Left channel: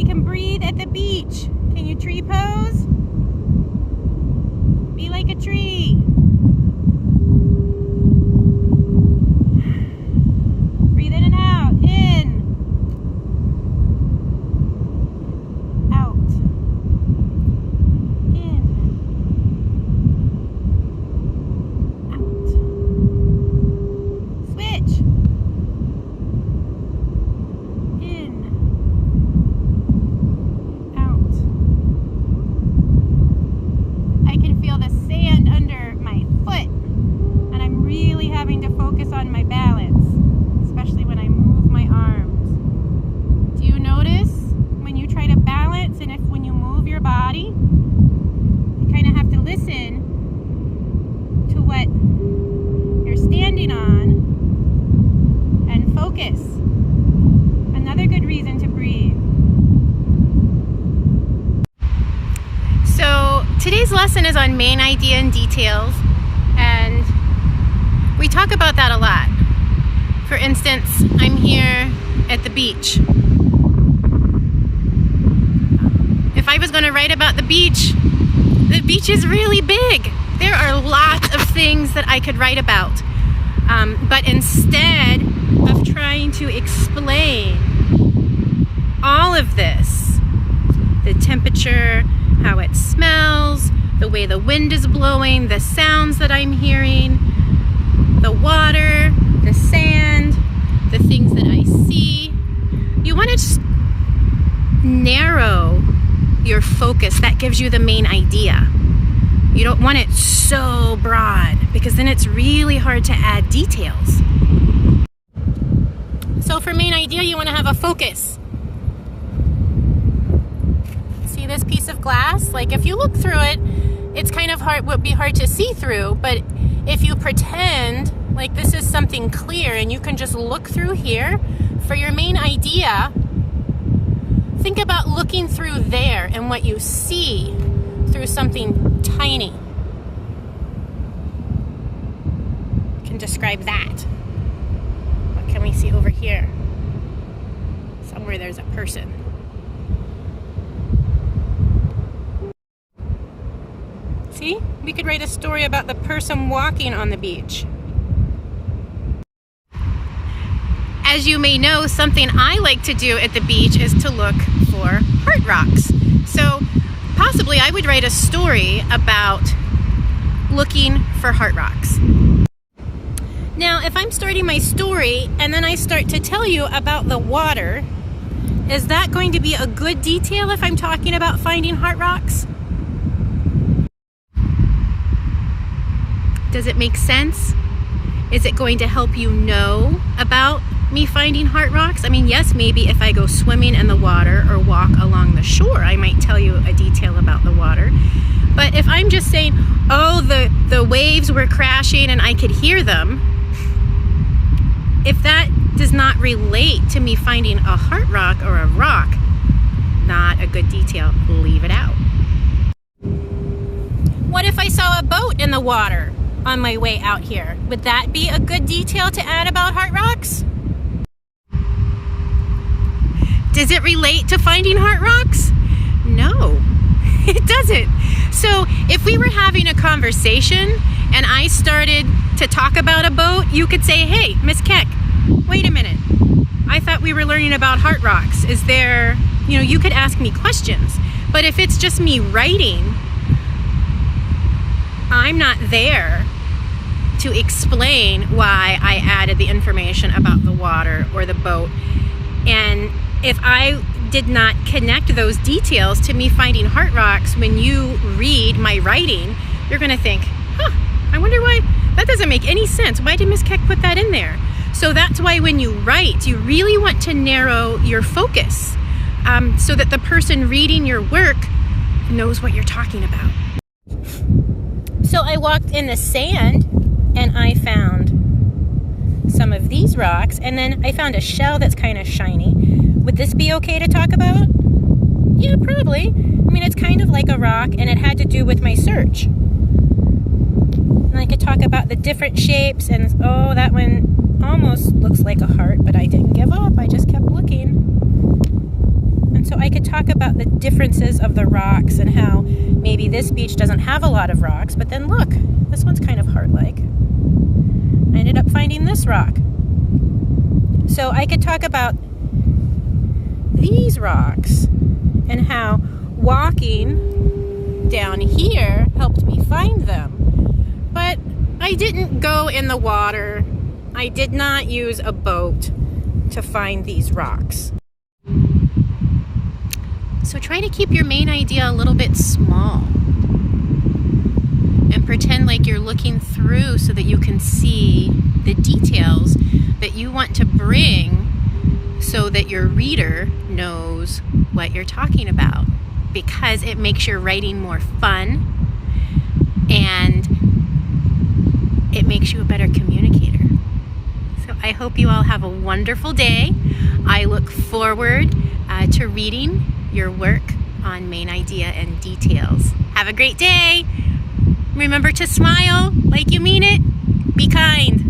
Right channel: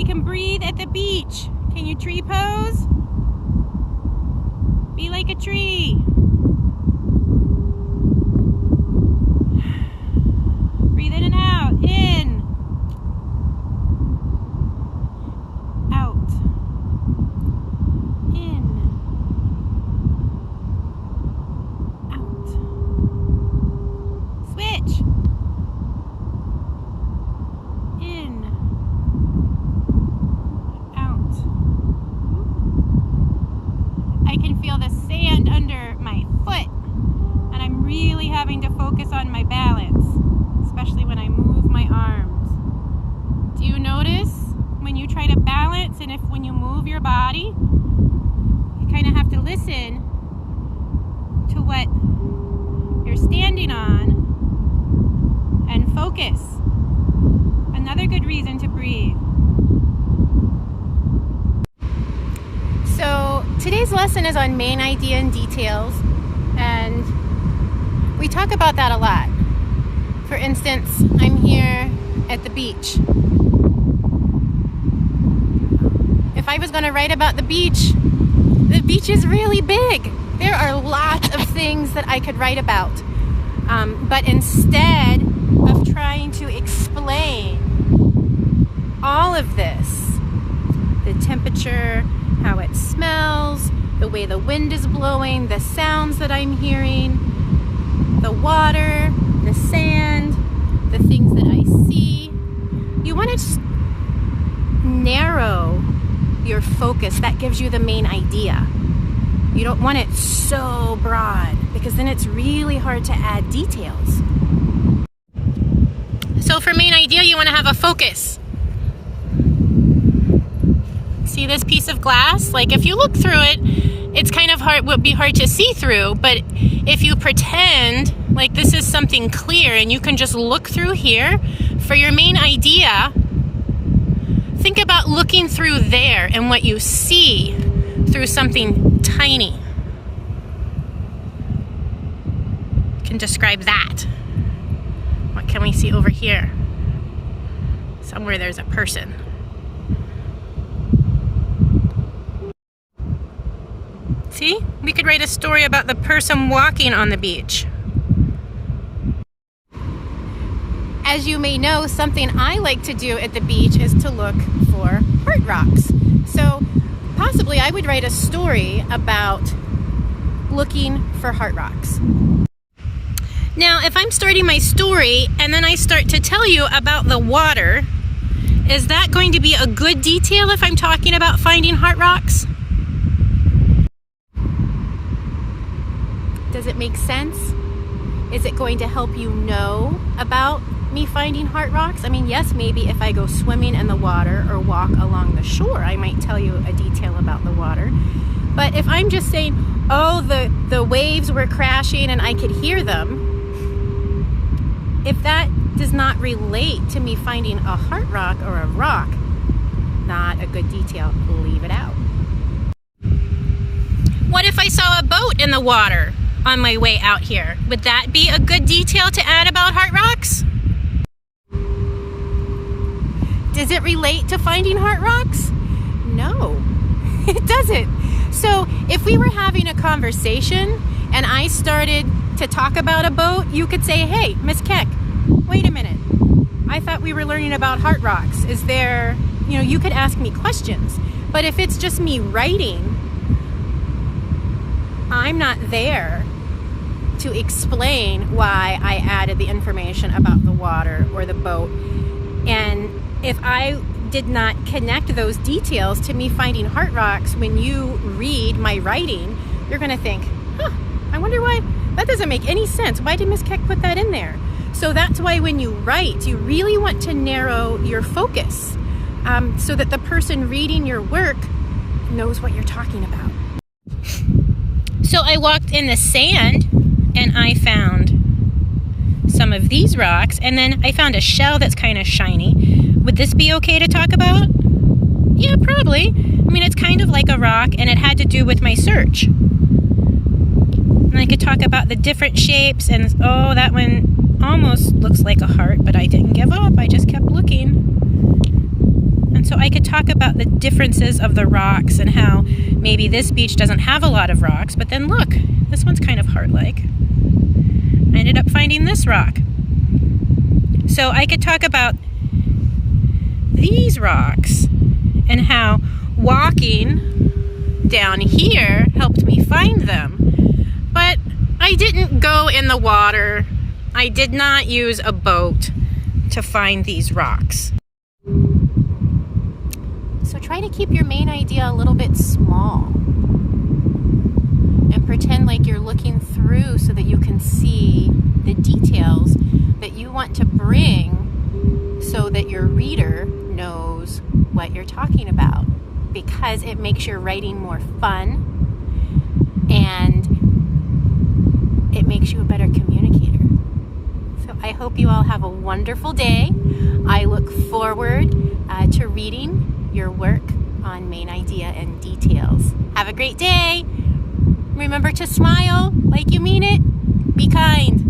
We can breathe at the beach. Can you tree pose? Be like a tree. Breathe in and out. In. Out. In. Out. Switch. In. Out. I can feel the sand under my foot, and I'm really having to focus on my balance, especially when I move my arms. Do you notice when you try to balance and when you move your body, you kind of have to listen to what you're standing on and focus. Another good reason to breathe. So today's lesson is on main idea and details, and we talk about that a lot. For instance, I'm here at the beach. If I was going to write about the beach is really big. There are lots of things that I could write about. But instead of trying to explain all of this, the temperature, how it smells, the way the wind is blowing, the sounds that I'm hearing, the water, the sand, the things that I see, you want to just narrow your focus. That gives you the main idea. You don't want it so broad, because then it's really hard to add details. So for main idea, you want to have a focus. See this piece of glass? Like if you look through it, it's kind of hard, would be hard to see through, but if you pretend like this is something clear and you can just look through here for your main idea, think about looking through there and what you see through something tiny. You can describe that. What can we see over here? Somewhere there's a person. See? We could write a story about the person walking on the beach. As you may know, something I like to do at the beach is to look for heart rocks. So possibly I would write a story about looking for heart rocks. Now, if I'm starting my story and then I start to tell you about the water, is that going to be a good detail if I'm talking about finding heart rocks? Does it make sense? Is it going to help you know about me finding heart rocks? I mean, yes, maybe if I go swimming in the water or walk along the shore, I might tell you a detail about the water. But if I'm just saying, oh, the waves were crashing and I could hear them, if that does not relate to me finding a heart rock or a rock, not a good detail. Leave it out. What if I saw a boat in the water on my way out here? Would that be a good detail to add about heart rocks? Does it relate to finding heart rocks? No, it doesn't. So if we were having a conversation and I started to talk about a boat, you could say, hey, Miss Keck, wait a minute. I thought we were learning about heart rocks. Is there, you could ask me questions. But if it's just me writing, I'm not there to explain why I added the information about the water or the boat. And if I did not connect those details to me finding heart rocks, when you read my writing, you're going to think, I wonder why, that doesn't make any sense. Why did Miss Keck put that in there? So that's why when you write, you really want to narrow your focus so that the person reading your work knows what you're talking about. So I walked in the sand and I found some of these rocks, and then I found a shell that's kind of shiny. Would this be okay to talk about? Yeah, probably. I mean, it's kind of like a rock, and it had to do with my search. And I could talk about the different shapes, and oh, that one almost looks like a heart, but I didn't give up. I just kept looking. And so I could talk about the differences of the rocks and how maybe this beach doesn't have a lot of rocks, but then look, this one's kind of heart-like. I ended up finding this rock. So I could talk about these rocks and how walking down here helped me find them. But I didn't go in the water. I did not use a boat to find these rocks. So try to keep your main idea a little bit small and pretend like you're looking through so that you can see the details that you want to bring so that your reader knows what you're talking about, because it makes your writing more fun and it makes you a better communicator. So I hope you all have a wonderful day. I look forward to reading your work on main idea and details. Have a great day. Remember to smile like you mean it. Be kind.